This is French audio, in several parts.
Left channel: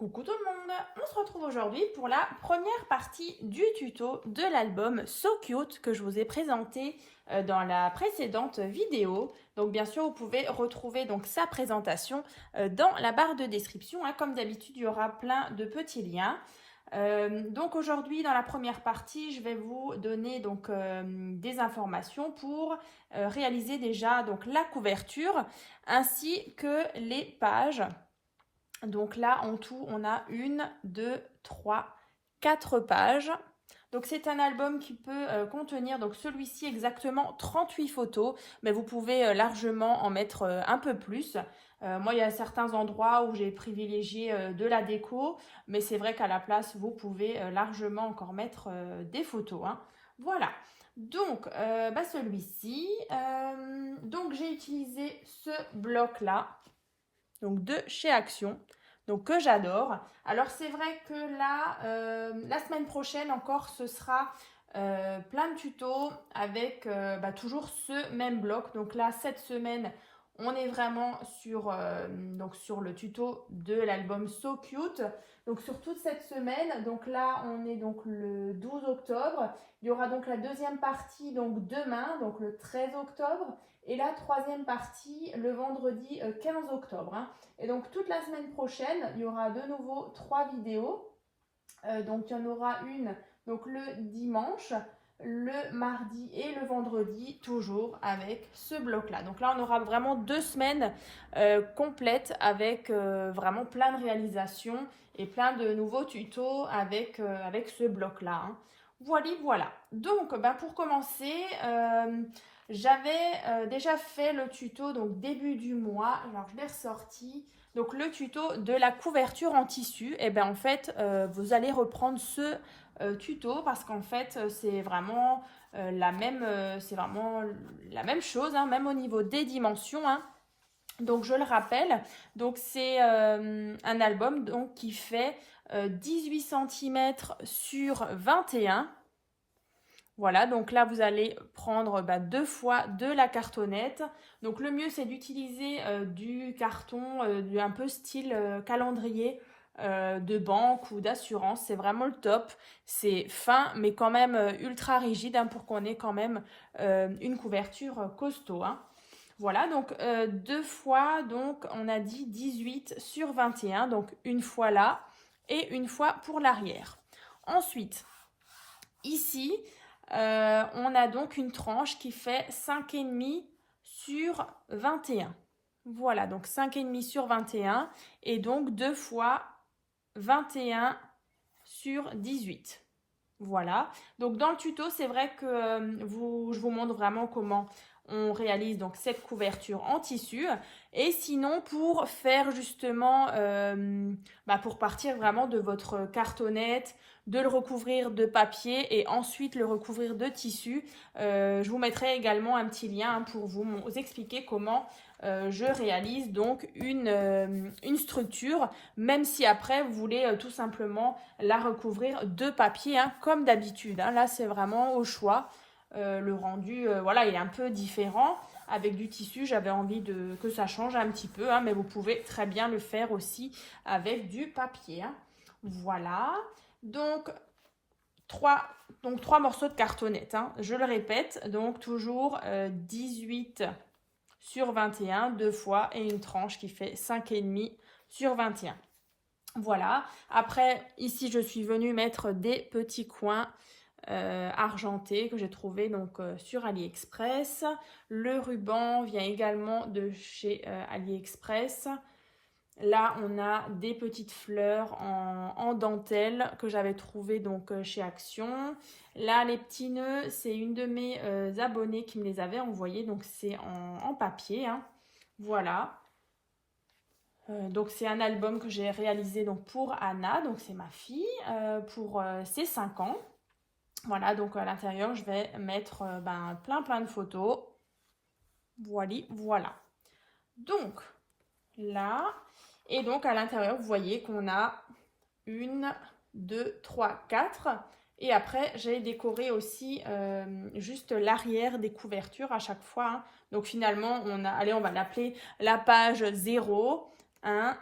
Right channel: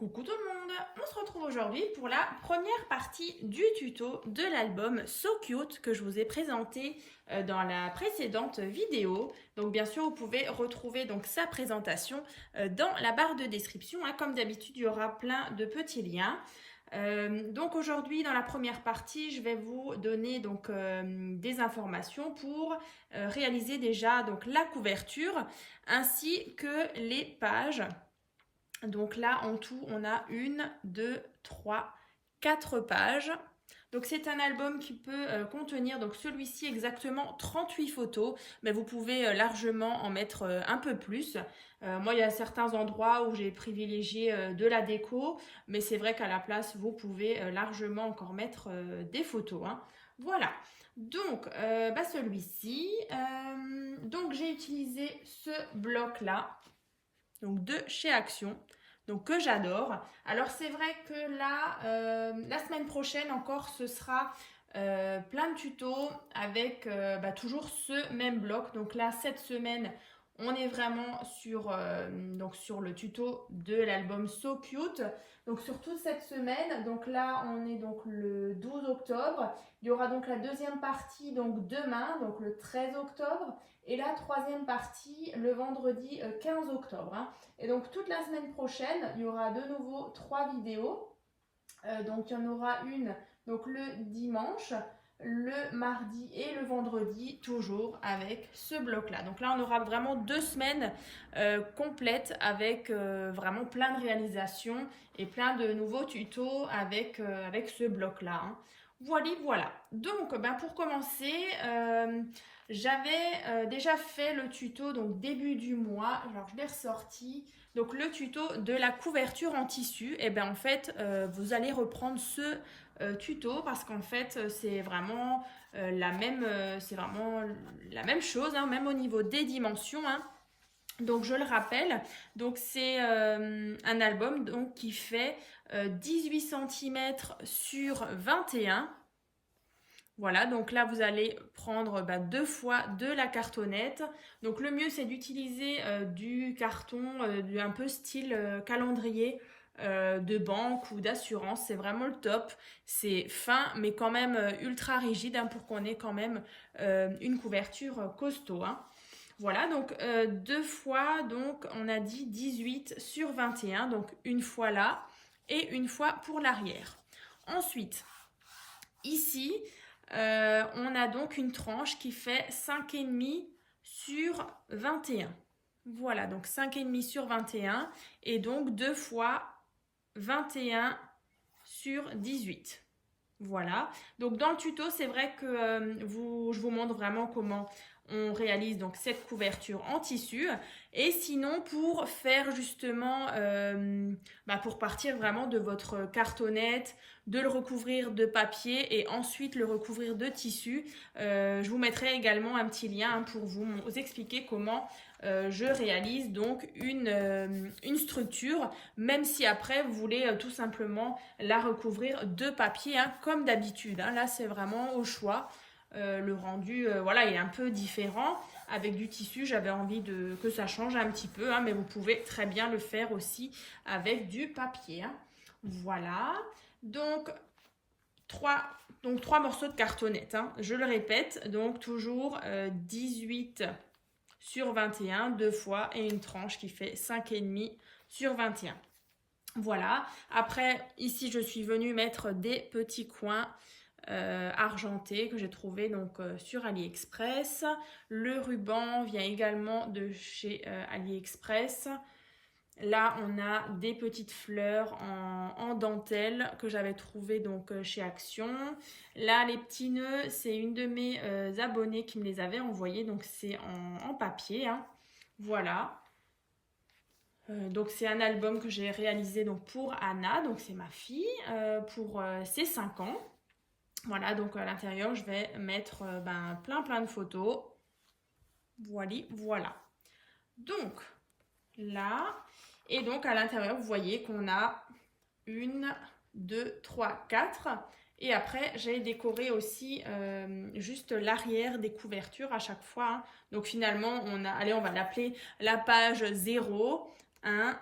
Coucou tout le monde, on se retrouve aujourd'hui pour la première partie du tuto de l'album So Cute que je vous ai présenté dans la précédente vidéo. Donc bien sûr vous pouvez retrouver donc sa présentation dans la barre de description. Comme d'habitude il y aura plein de petits liens. Donc aujourd'hui dans la première partie je vais vous donner donc des informations pour réaliser déjà donc la couverture ainsi que les pages. Donc là, en tout, on a 1, 2, 3, 4 pages. Donc c'est un album qui peut contenir, donc celui-ci exactement 38 photos, mais vous pouvez largement en mettre un peu plus. Moi, il y a certains endroits où j'ai privilégié de la déco, mais c'est vrai qu'à la place, vous pouvez largement encore mettre des photos. Voilà. Donc, celui-ci, donc j'ai utilisé ce bloc-là, donc de chez Action, donc que j'adore. Alors c'est vrai que là, la semaine prochaine encore, ce sera plein de tutos avec toujours ce même bloc. Donc là, cette semaine, on est vraiment donc sur le tuto de l'album So Cute. Donc sur toute cette semaine, donc là, on est donc le 12 octobre. Il y aura donc la deuxième partie donc demain, donc le 13 octobre. Et la troisième partie le vendredi 15 octobre. Et donc toute la semaine prochaine, il y aura de nouveau 3 vidéos. Donc il y en aura une donc le dimanche, le mardi et le vendredi, toujours avec ce bloc-là. Donc là, on aura vraiment 2 semaines complètes avec vraiment plein de réalisations et plein de nouveaux tutos avec ce bloc-là. Voilà. Donc, pour commencer, j'avais déjà fait le tuto donc début du mois. Alors, je l'ai ressorti. Donc, le tuto de la couverture en tissu. Et en fait, vous allez reprendre ce tuto parce qu'en fait, c'est vraiment la même chose, même au niveau des dimensions. Donc, je le rappelle. Donc, c'est un album donc, qui fait 18 cm sur 21. Voilà, donc là, vous allez prendre 2 fois de la cartonnette. Donc, le mieux, c'est d'utiliser du carton un peu style calendrier de banque ou d'assurance. C'est vraiment le top. C'est fin, mais quand même ultra rigide pour qu'on ait quand même une couverture costaud. Voilà, donc 2 fois, donc on a dit 18 sur 21. Donc, une fois là et une fois pour l'arrière. Ensuite, ici, on a donc une tranche qui fait 5,5 sur 21. Voilà, donc 5,5 sur 21 et donc 2 fois 21 sur 18. Voilà, donc dans le tuto, c'est vrai que je vous montre vraiment comment on réalise donc cette couverture en tissu. Et sinon, pour faire justement, pour partir vraiment de votre cartonnette, de le recouvrir de papier et ensuite le recouvrir de tissu, je vous mettrai également un petit lien pour vous expliquer comment je réalise donc une structure, même si après vous voulez tout simplement la recouvrir de papier comme d'habitude. Là, c'est vraiment au choix. Le rendu est un peu différent. Avec du tissu, j'avais envie que ça change un petit peu, mais vous pouvez très bien le faire aussi avec du papier. Voilà. Donc, 3 morceaux de cartonnette. Je le répète, donc toujours 18 sur 21, 2 fois, et une tranche qui fait 5,5 sur 21. Voilà. Après, ici, je suis venue mettre des petits coins argentés que j'ai trouvé donc sur AliExpress. Le ruban vient également de chez AliExpress. Là, on a des petites fleurs en dentelle que j'avais trouvées donc chez Action. Là, les petits nœuds, c'est une de mes abonnées qui me les avait envoyés. Donc, c'est en papier. Voilà. Donc, c'est un album que j'ai réalisé donc, pour Anna. Donc, c'est ma fille pour ses 5 ans. Voilà, donc à l'intérieur, je vais mettre plein de photos. Voilà. Donc, là... Et donc, à l'intérieur, vous voyez qu'on a 1, 2, 3, 4. Et après, j'ai décoré aussi juste l'arrière des couvertures à chaque fois. Donc, finalement, on va l'appeler la page 0, 1,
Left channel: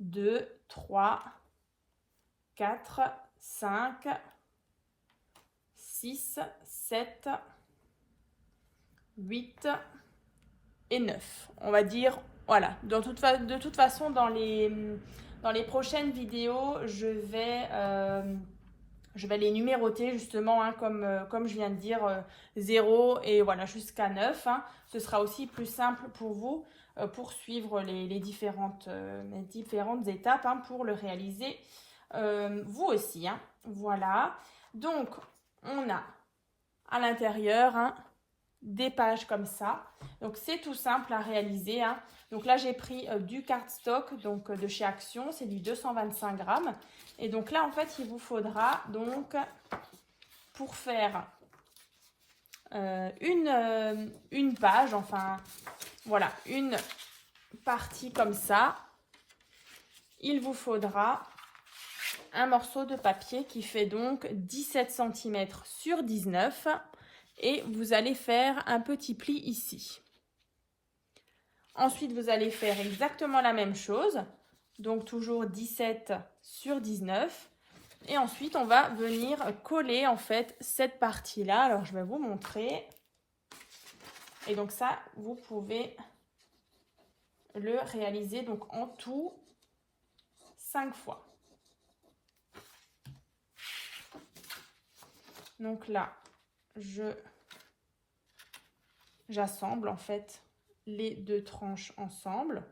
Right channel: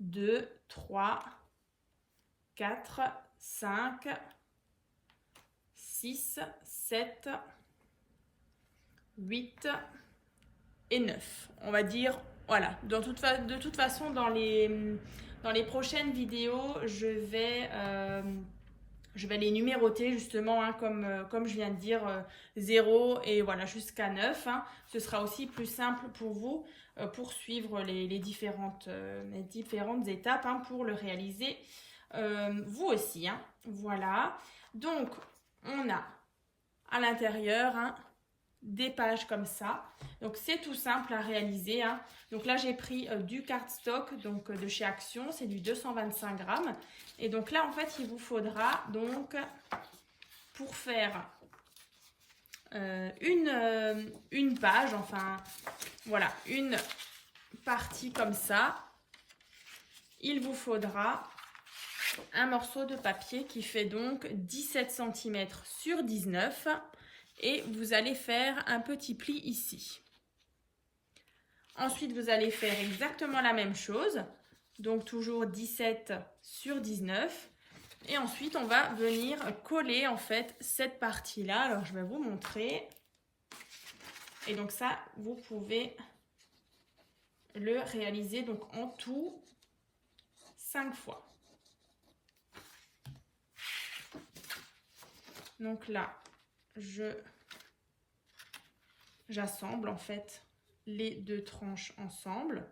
2, 3, 4, 5, 6, 7, 8 et 9. On va dire, voilà, de toute façon, dans les prochaines vidéos, je vais les numéroter justement, hein, comme je viens de dire, 0 et voilà, jusqu'à 9. Hein. Ce sera aussi plus simple pour vous pour suivre les différentes étapes, hein, pour le réaliser vous aussi. Hein. Voilà, donc on a à l'intérieur, hein, des pages comme ça. Donc c'est tout simple à réaliser. Hein. Donc là j'ai pris du cardstock, donc de chez Action, c'est du 225 grammes. Et donc là en fait il vous faudra donc pour faire une page, enfin voilà, une partie comme ça, il vous faudra un morceau de papier qui fait donc 17 cm sur 19 et vous allez faire un petit pli ici. Ensuite, vous allez faire exactement la même chose, donc toujours 17 sur 19. Et ensuite, on va venir coller en fait cette partie-là. Alors, je vais vous montrer. Et donc ça, vous pouvez le réaliser donc en tout 5 fois. Donc là, j'assemble en fait les deux tranches ensemble.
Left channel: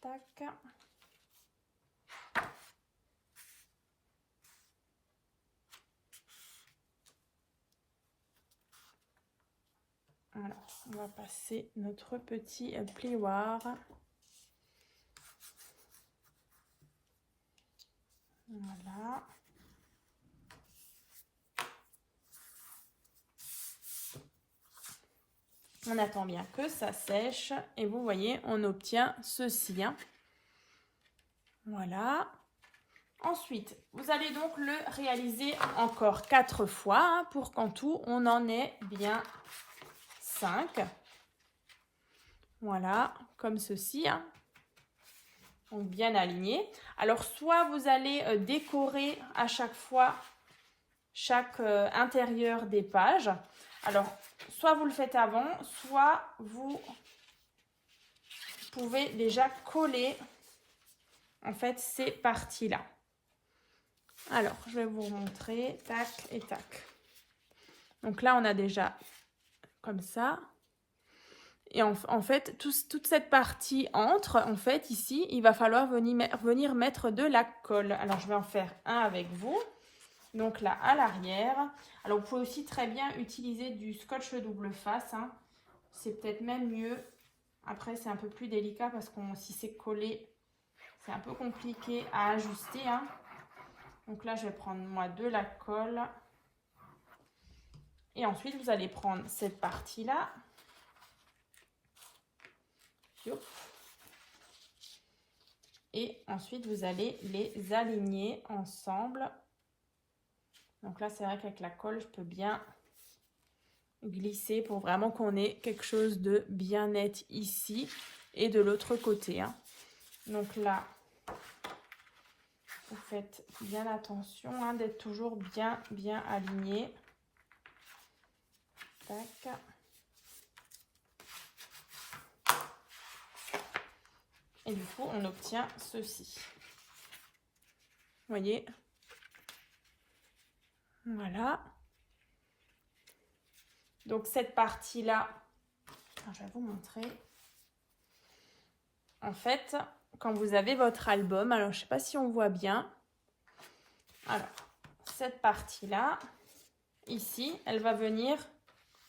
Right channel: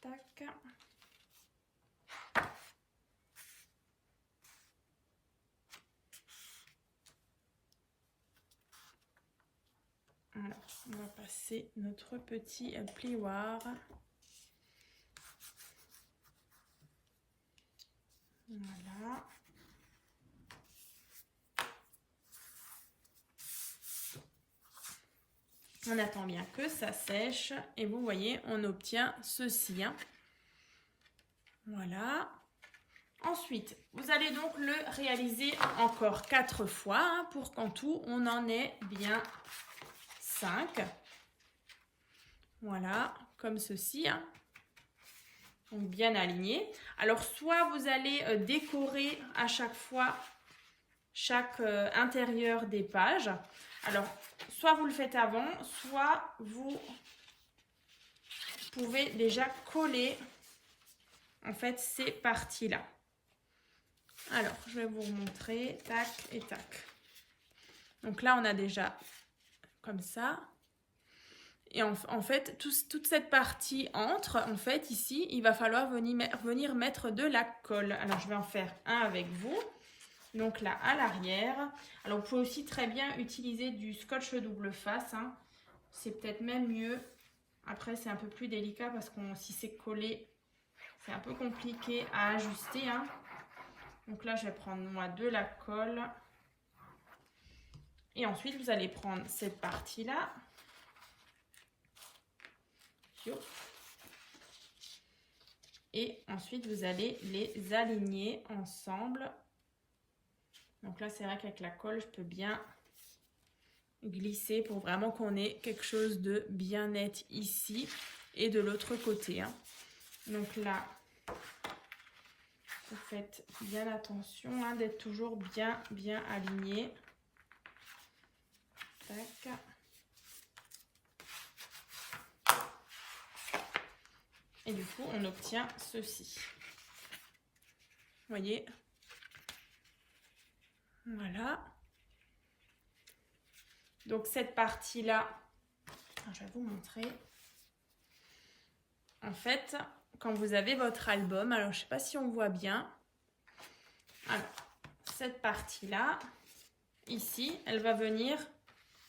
Tac. Alors, on va passer notre petit plioir. Voilà. On attend bien que ça sèche et vous voyez, on obtient ceci. Hein. Voilà. Ensuite, vous allez donc le réaliser encore 4 fois, hein, pour qu'en tout, on en ait bien 5. Voilà, comme ceci. Hein. Donc bien aligné. Alors, soit vous allez décorer à chaque fois chaque intérieur des pages. Alors, soit vous le faites avant, soit vous pouvez déjà coller en fait ces parties-là. Alors, je vais vous montrer, tac et tac. Donc là, on a déjà comme ça. Et en fait, toute cette partie entre, en fait, ici, il va falloir venir mettre de la colle. Alors, je vais en faire un avec vous. Donc là, à l'arrière. Alors, vous pouvez aussi très bien utiliser du scotch double face. Hein. C'est peut-être même mieux. Après, c'est un peu plus délicat parce que si c'est collé, c'est un peu compliqué à ajuster. Hein. Donc là, je vais prendre moi de la colle. Et ensuite, vous allez prendre cette partie-là. Et ensuite, vous allez les aligner ensemble. Donc là, c'est vrai qu'avec la colle, je peux bien glisser pour vraiment qu'on ait quelque chose de bien net ici et de l'autre côté. Hein. Donc là, vous faites bien attention, hein, d'être toujours bien aligné. Tac. Et du coup, on obtient ceci. Vous voyez? Voilà. Donc, cette partie-là, je vais vous montrer. En fait, quand vous avez votre album, alors je ne sais pas si on voit bien. Alors, cette partie-là, ici, elle va venir,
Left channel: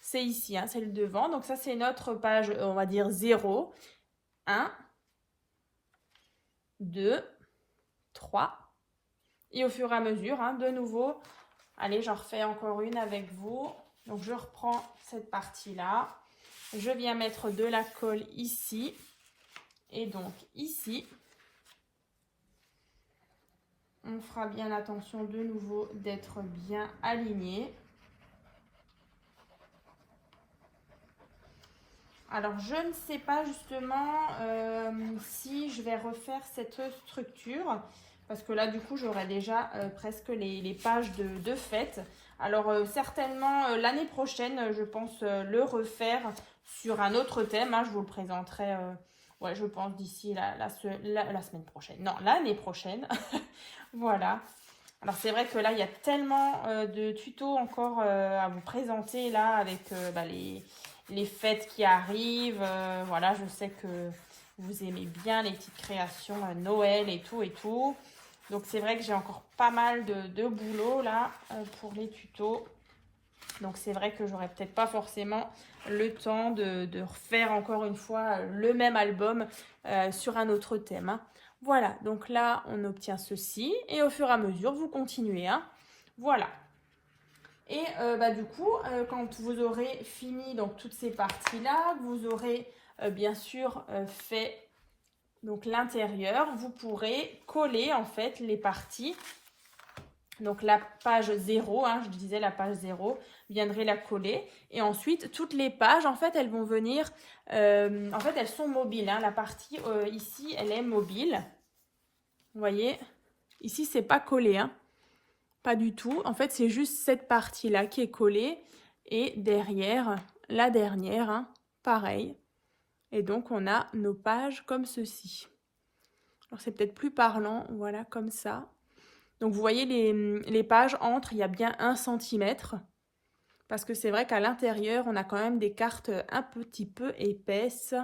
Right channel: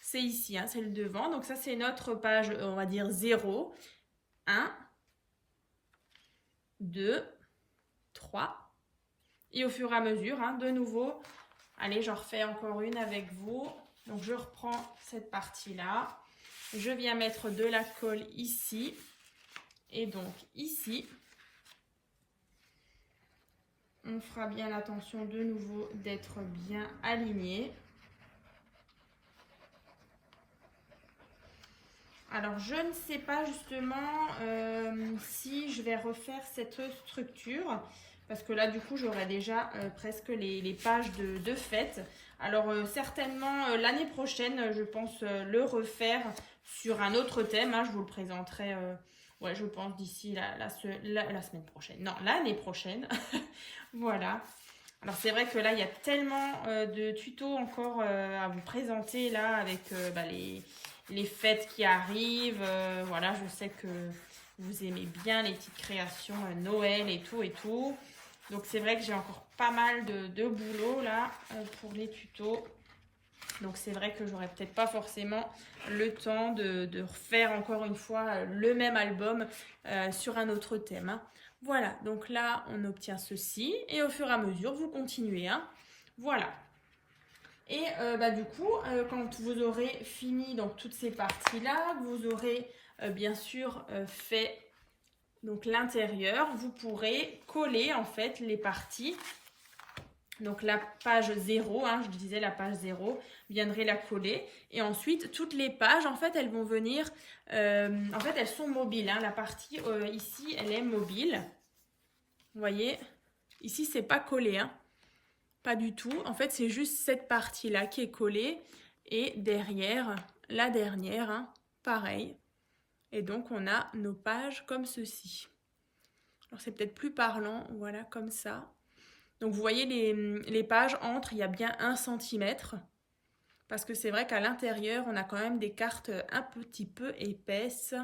c'est ici, hein, c'est le devant. Donc, ça, c'est notre page, on va dire 0, 1, 2, 3. Et au fur et à mesure, hein, de nouveau, allez, j'en refais encore une avec vous. Donc, je reprends cette partie-là. Je viens mettre de la colle ici. Et donc, ici, on fera bien attention de nouveau d'être bien aligné. Alors, je ne sais pas justement si je vais refaire cette structure. Parce que là, du coup, j'aurai déjà presque les pages de fête. Alors, certainement, l'année prochaine, je pense le refaire sur un autre thème. Hein. Je vous le présenterai, ouais, je pense, d'ici la semaine prochaine. Non, l'année prochaine. Voilà. Alors, c'est vrai que là, il y a tellement de tutos encore à vous présenter, là, avec bah, les fêtes qui arrivent. Voilà, je sais que vous aimez bien les petites créations Noël et tout et tout. Donc c'est vrai que j'ai encore pas mal de boulot là pour les tutos. Donc c'est vrai que j'aurais peut-être pas forcément le temps de refaire encore une fois le même album sur un autre thème. Hein. Voilà, donc là on obtient ceci et au fur et à mesure vous continuez. Hein. Voilà. Et bah, du coup, quand vous aurez fini donc, toutes ces parties-là, vous aurez bien sûr fait donc l'intérieur, vous pourrez coller en fait les parties. Donc la page 0, hein, je disais la page 0, viendrez la coller. Et ensuite, toutes les pages, en fait, elles vont venir, en fait, elles sont mobiles. Hein. La partie ici, elle est mobile. Vous voyez, ici, c'est pas collé, hein. Pas du tout. En fait, c'est juste cette partie-là qui est collée. Et derrière, la dernière, hein, pareil. Et donc, on a nos pages comme ceci. Alors, c'est peut-être plus parlant, voilà, comme ça. Donc, vous voyez, les pages entre, il y a bien 1 cm. Parce que c'est vrai qu'à l'intérieur, on a quand même des cartes un petit peu épaisses.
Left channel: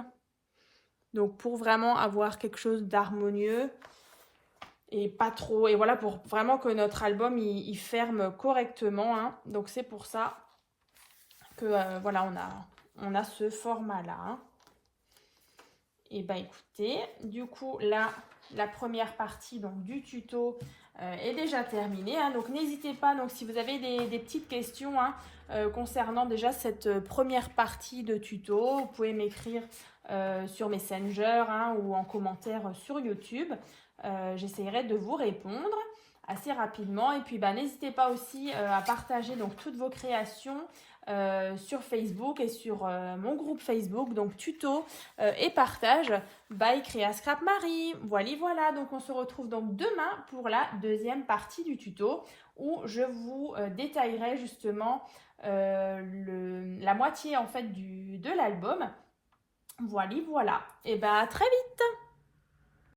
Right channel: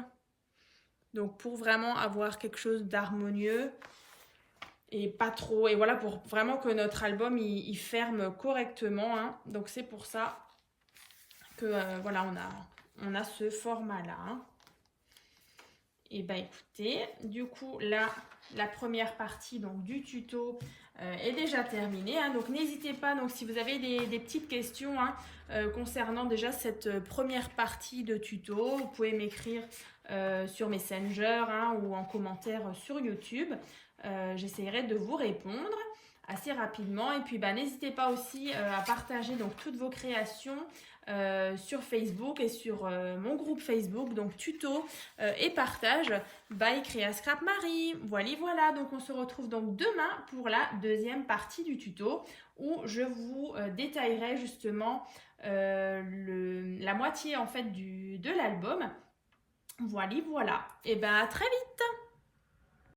Donc, pour vraiment avoir quelque chose d'harmonieux et pas trop... Et voilà, pour vraiment que notre album, il ferme correctement. Hein. Donc, c'est pour ça que, voilà, on a ce format-là. Hein. Et bah écoutez, du coup, là, la première partie donc, du tuto est déjà terminée. Hein. Donc, n'hésitez pas, donc, si vous avez des petites questions hein, concernant déjà cette première partie de tuto, vous pouvez m'écrire sur Messenger hein, ou en commentaire sur YouTube. J'essaierai de vous répondre assez rapidement. Et puis, bah, n'hésitez pas aussi à partager donc, toutes vos créations sur Facebook et sur mon groupe Facebook, donc tuto et partage by Créa Scrap Marie. Voilà, donc on se retrouve donc demain pour la deuxième partie du tuto où je vous détaillerai justement la moitié en fait de l'album. Voilà, et ben à très vite.